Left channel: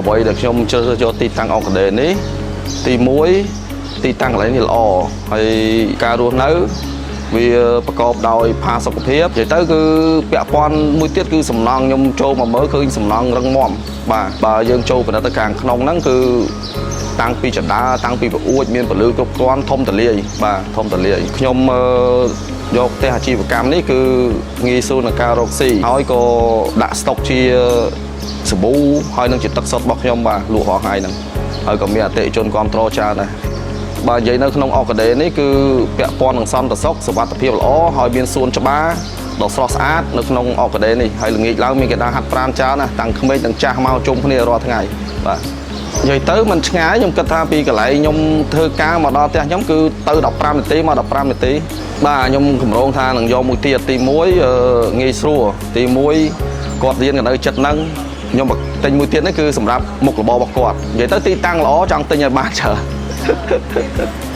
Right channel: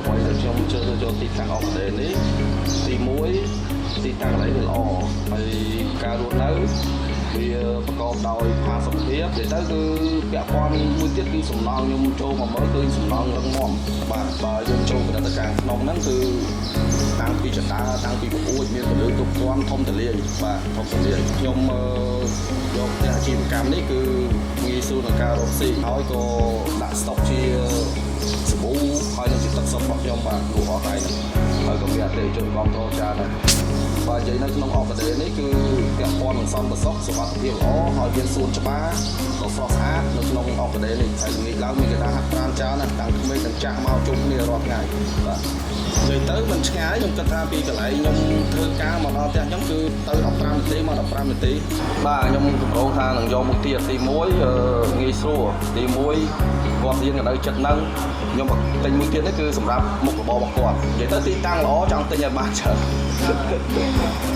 អ្វីដែលខ្ញុំជ្រើសរើសយកទីតាំងអង្គរនេះ ទី1 ទីតាំងកន្លែងនេះល្អហើយការរស់នៅវាប្រកបដោយផាសុកភាពនិយាយទៅគឺពាក់ព័ន្ធមួយទៀតគឺសំណង់ខ្ញុំចូលមកមើលគឺសំណង់រឹងមាំបាទបើយើងចូលពិនិត្យទៅខាងក្នុងហ្នឹងគឺតាំងពីចដាតាំងពីប្រអួចមានពលឺគ្រប់គ្រាន់ធំទលាយបាទធំទលាយខ្ញុំយកផ្ទះអាជីវកម្មនេះគឺងាយស្រួលក្នុងការរកស៊ីហើយក៏ដាក់ស្តុកជាសាប៊ូហើយនឹងជាទឹកសុទ្ធរបស់ខ្ញុំបាទលក់រាល់ថ្ងៃហ្នឹងហើយក៏មានអតិថិជនគ្រប់គ្រងច្រើនដែរបាទនិយាយនៅក្នុងអកដេនេះគឺពាក់ព័ន្ធនឹងសន្តិសុខសុវត្ថិភាពល្អហើយមានសួនច្បារដ៏ស្រស់ស្អាតនៅក្នុងអកដេនេះហើយល្ងាចឡើងមានគេដាក់ហាត់ប្រាណច្រើនណាស់តាំងក្មេងទាំងចាស់មកជុំគ្នារាល់ថ្ងៃបាទនិយាយទៅមិនឆ្ងាយខ្ញុំគិតថាពីកន្លែងខ្ញុំធ្វើការមកដល់ផ្ទះខ្ញុំគឺទៅ15នាទីមក15នាទីបាទខ្ញុំកម្រងថានឹងយកមួយទៀតទី1ងាយស្រួលទី1គាត់រៀននៅចិត្តហ្នឹងខ្ញុំទិញមួយទៀតនេះគឺសម្រាប់មុខរបររបស់គាត់និយាយទៅទីតាំងល្អចង់ទិញឲ្យបានច្រើន